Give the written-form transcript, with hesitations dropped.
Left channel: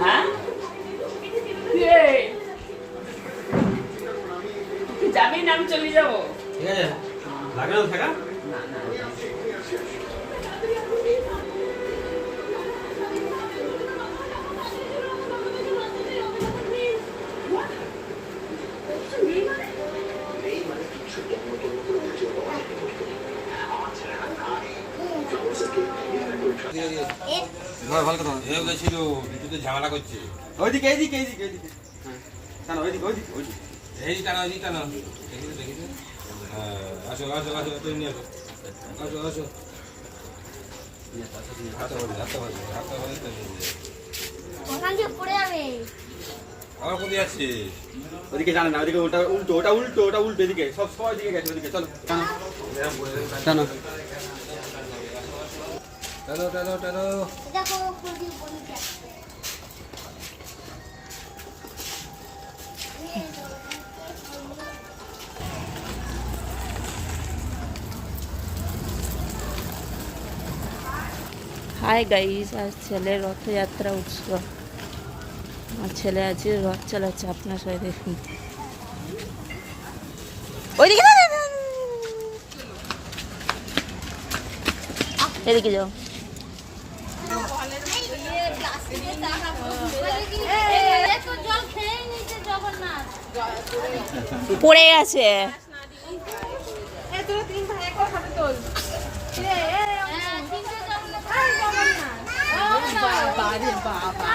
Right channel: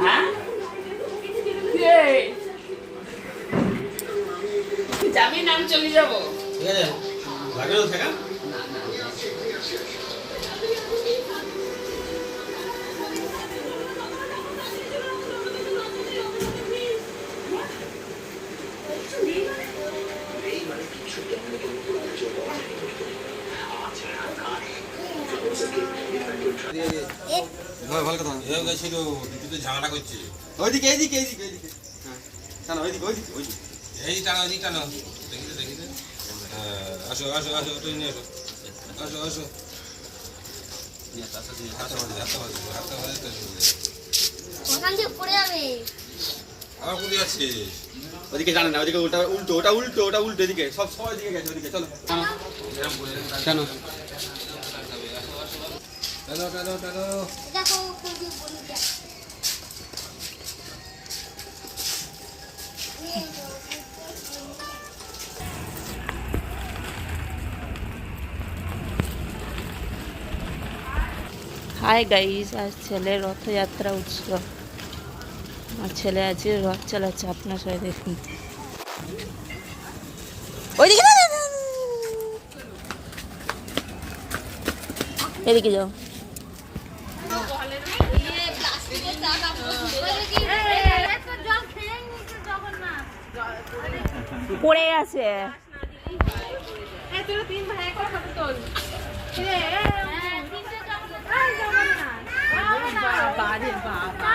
হ্যাঁ যাবি না আমি চলে যাবো। ঠিক আছে লাগে না থাকা না না ভালো কথা গেছিল বিদ্যুতে ঝামেলা করছে ওইদিকে এইদিকে এইদিকে এইদিকে হ্যাঁ টানো ওইদিকে ওইদিকে ওইদিকে এইদিকে টানো ওইদিকে টানো দেখিতে দেখিতে হ্যাঁ আসো আসো আসো তুই নিয়ে আসো আসো আসো ওদিকে জানে না ওদিকে ওটা উল্টো ওটা উল্টো ওটা উল্টো এদিকে সব সবাই দিকে গেছে ওদিকে চলো টানো টানো টানো টানো হাই গাইস, আজ ছেলের রথযাত্রা উৎসব। আমার ছেলে আজকে রথ চালাচ্ছে, আপনার সবাই দেখুন। ওইদিকে না, না, না, না। এদিকে যাও। পড়ে গেছে। বাবা রে বাবা।